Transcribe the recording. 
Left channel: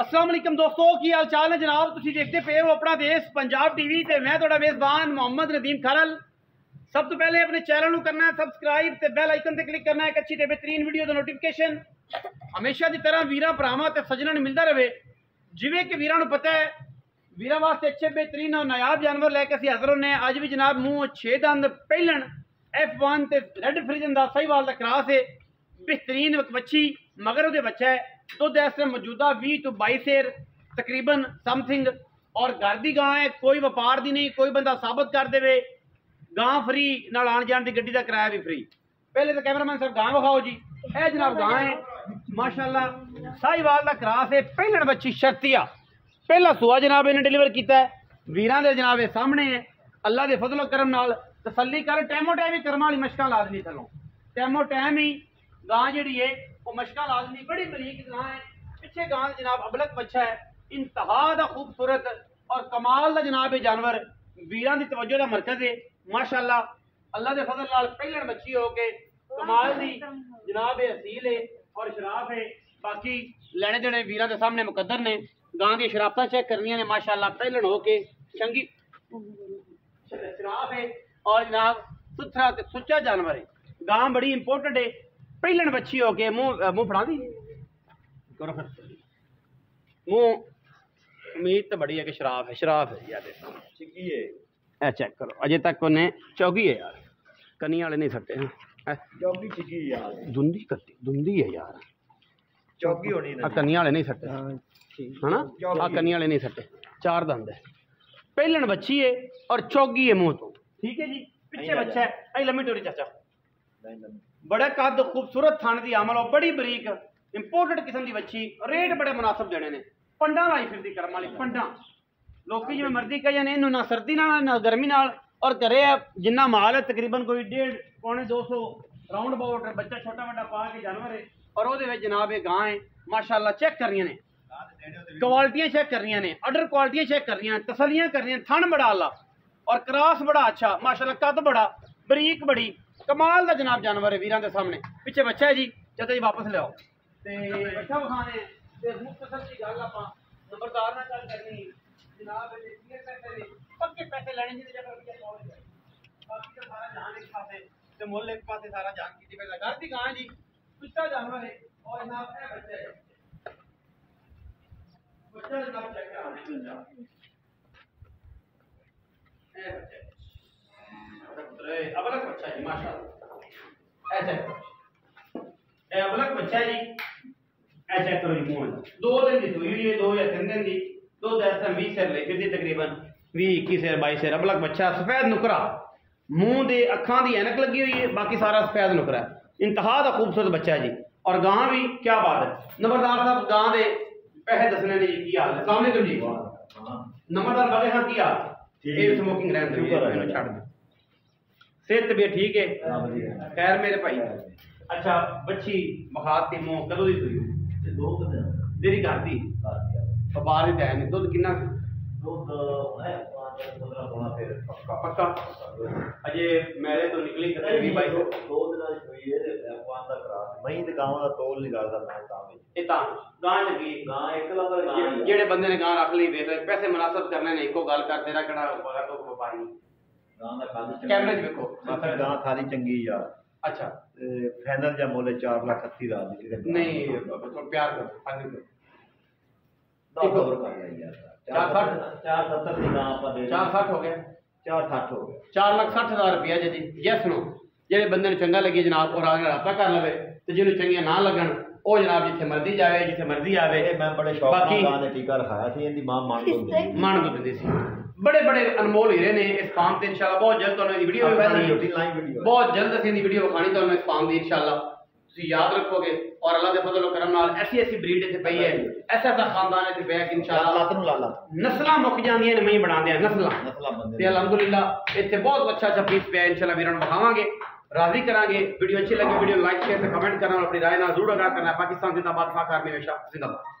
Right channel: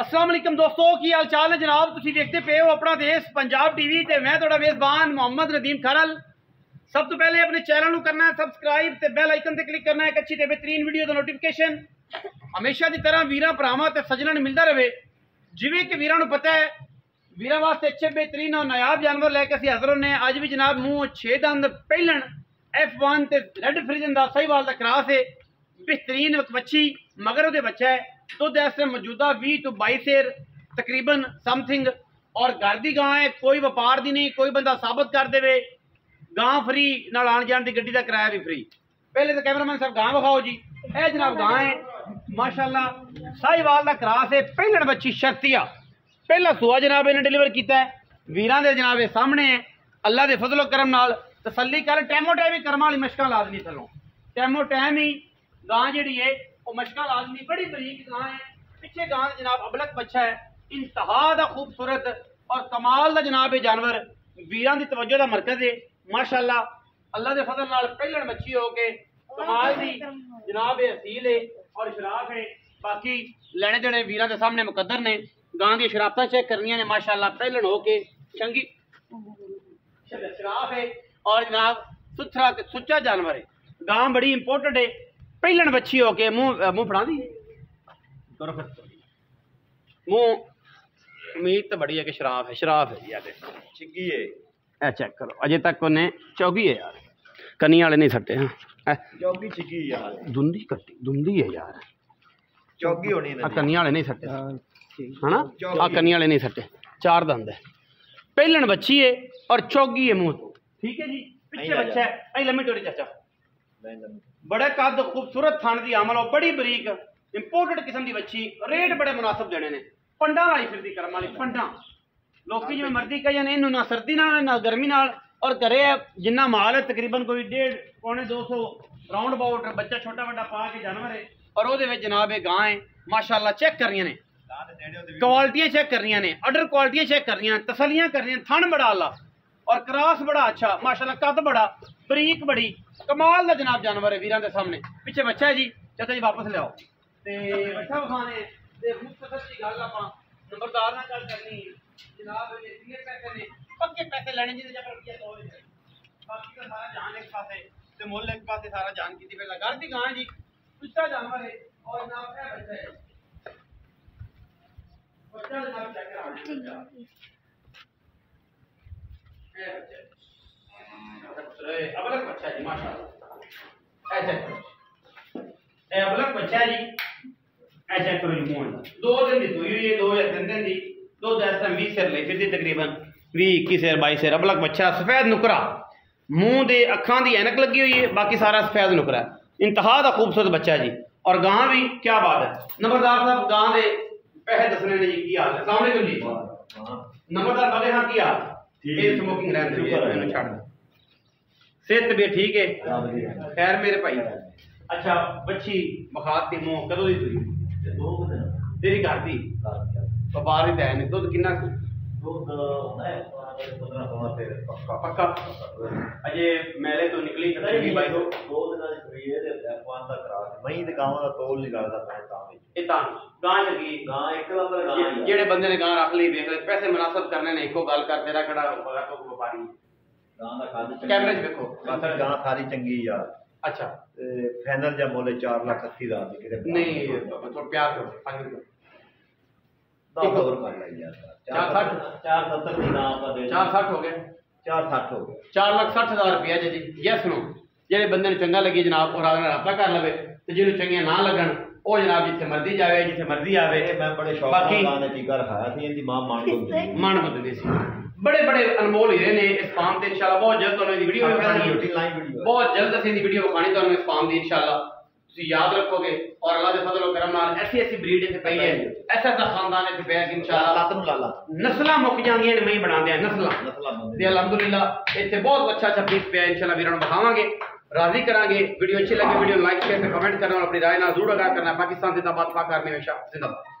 अस्सलाम वालेकुम दोस्तों, की हाल चाल है जनाब। तुसीं देखते पे हो अपना देश पंजाब टीवी ते मैं तुहाडा मेज़बान मोहम्मद नदीम खरल। सब तो पहले अपने चैनल को करना है सबसक्राइब ते बेल आइकन ते क्लिक करना है। एक अच्छी ते बेहतरीन वीडियो का नोटिफिकेशन हमेशा की तरह वीरां भरावां ते सज्जणां नूं मिलता रहे। जिवें कि वीरां नूं पता है वीरां वास्ते अच्छे बेहतरीन और नायाब जानवर लैके असीं हाज़र होने। अज भी जनाब मूँह 6 दंद पहिलन F1 ते रेड फ्रिजन दा साहिवाल दा क्रॉस है। बेहतरीन बच्ची मगर उहदे बच्चा है। दुध इस मौजूदा 20 तो 22 सेर तकरीबन समथिंग और घर की गां है। कोई व्यापार की नहीं, कोई बंदा साबित कर दे गां फ्री नाल आन जान की गड्डी का किराया भी फ्री। पहले तो कैमरामैन साहब गां विखाओ जी। यह जनाब गां है माशाल्लाह साहिवाल का क्रॉस है। पहलन बच्ची शर्तिया पहला सुआ जनाब इन्हें डिलीवर किया है। वीरां दे जनाब सामने है। अल्लाह के फजलो करम नाल तसल्ली कर टैमो टाइम ही कर्म वाली मशकां लाजमी थलों टैमो टाइम ही गां जी है वो मशका लाजमी। बड़ी बरीक गां है। पिछे गां जनाब अबलक बच्चा है। इंतहा दा खूबसूरत और कमाल दा जनाब ये जानवर वीरां दी तवज्जो दा मरकज है माशाल्लाह। अल्लाह दे फजल नाल पहलन बच्ची हो के कमाल दी जनाब ये असील है और शराफ है। बाकी लेने देने वीरां दे सामने मुकद्दर ने। गां दी शराफतां चेक करनियां ने माशाल्लाह। पहलन हो के चंगी शराफ है और जनाब सुथरा सुच्चा जानवर है। गां बड़ी इंपोर्टेंट है। पहलन बच्ची हो के मुंह फड़ा दी करो मुंह उम्मीद तो बड़ी है कि शराफ है। शराफ है चिग्गी है। ए चेक करो अजे तक उन्हें चौकी है यार। कनी वाले नहीं सट्टे हैं चौकी चिग्गी यार। धुंधी कट्टी धुंधी है यार। चौकी होनी है। कनी वाले नहीं सट्टे है ना। कनी वाले नहीं सट्टे। 4 दंद है। पहलन बच्ची है और चौकी है मुंह तो ठीक है जी। पीछे बच्चा है लम्बी टोरी चाचा बड़े कद खूबसूरत थान की अमल और बड़ी बरीक इंपोर्टेड किस्म की बच्ची। रेट बड़े मुनासिब देने ने। पंडा लाई फिर करम वाली पंडा लोग जो मर्जी कहे ने ना सर्दी ना गर्मी नाल और घरे जिन्ना माल है तकरीबन कोई 1.5 पौने 200 राउंड अबाउट बच्चा छोटा बड़ा पा के जानवर है। और वो जनाब ये गां है माशाल्लाह। चेक कर रही ने क्वालिटियां चेक कर रही ने अडर क्वालिटियां चेक कर रही तसलियां कर रही थन बड़ा आला और क्रॉस बड़ा अच्छा माशाल्लाह। कद बड़ा बरीक बड़ी कमाल का जनाब जानवर है वीरां दे सामने। पीछे बच्चा है जी चाचा जी वापस लियाओ ते बच्चा विखाने ते मुख्तसर जी गल आपां नंबरदार नाल गल करनी जनाब ने कितने पैसे ने पक्के पैसे लेने जी जबर रुपया 100 है। बाकी का सारा जान एक पासे ते मुल एक पासे सारा जान कीती पहला घर दी गां जी सुच्चा जानवर है और जनाब ए बच्चा है बच्चा जनाब चेक कराना ए बच्चा अबलक बच्चा जी माशाल्लाह। ऐसा ए अबलक बच्चा है जी। ऐसा करो जी मुंह 2 दिन की सुई हुई है 2 या 3 दिन की। 2 10 20 सेर ले फिर तकरीबन 20 21 सेर 22 सेर। अबलक बच्चा सफेद नुकरा मुंह दे अखां दी ऐनक लगी हुई है बाकी सारा सफेद नुकरा इंतहा दा खूबसूरत बच्चा जी। और गां भी क्या बात है। नंबरदार साहब गां दे पैसे दसने ने जी की हाल है। अस्सलाम वालेकुम जी। नंबरदार बागे हां की हाल ये स्मोकिंग रहन दे इन्हों छड़ दे सेहत भी ठीक है खैर मेरे भाई। अच्छा बच्ची बखात दी मुंह कदों दी सुई 2 दिन तेरी घर दी व्यापार ही है नहीं। दुध कितना दूध है 15 16 फिर पक्का पक्का अजे मेले तो निकली नहीं भाई 2 दिन आज हुई है ते F1 दा क्रॉस मई ते गांव दा तोल निकालदा मैं ता में ए ता गां लगी गां एक नंबर गां है। जेड़े बंदे ने गां रख ली देख ले पैसे मुनासिब करने ने इको गल कर तेरा कड़ा बगा तो व्यापारी गां दा खाद कैमरे च देखो बाकी गां सारी चंगी यार। अच्छा फाइनल जा मोले 4,80,000 दी किते नहीं थोड़ा प्यार करो फाइनल करो 10 ओवर कर ले यार 470 दी गां आपा दे 460 हो गया 460 हो गया 4,60,000 रुपया जी। यस नो जेडे बंदे चंगा लगे जनाब और आगे राबता कर लवे ते जिन्हों चंगियां ना लगन ओ जनाब जिथे मर्जी जावे जिथे मर्जी आवे। मैं बड़े शौक बाकी गां दा टीका रखाया थी इनदी मां मान बदलदी सी बड़े बड़े अनमोल हीरे ने इस फार्म ते इंशाल्लाह बहुत जल्द तुहानू वीडियो विखानी बहुत जल्द असीं दी वीडियो विखानी तुहानू इस फार्म दी इंशाल्लाह तुसीं याद रखोगे। और अल्लाह दे फजल करम नाल ऐसी ऐसी ब्रीड इत्थे पई है ऐसा खानदान इत्थे पिया कि इंशाल्लाह लात नूं लाला नस्लां मुक जांदियां ने मई बनांदे नस्लां बंदे ते अल्हम्दुलिल्लाह इत्थे बहुत अच्छा अच्छा पीस पिया इंशाल्लाह वीरां नूं विखावांगे राजी करांगे। वीडियो अच्छी लगी वीडियो लाइक शेयर ते कमेंट करना और अपनी राय नाल जरूर आगाह करना। पाकिस्तान जिंदाबाद पाक आर्मी हमेशा जिंदाबाद।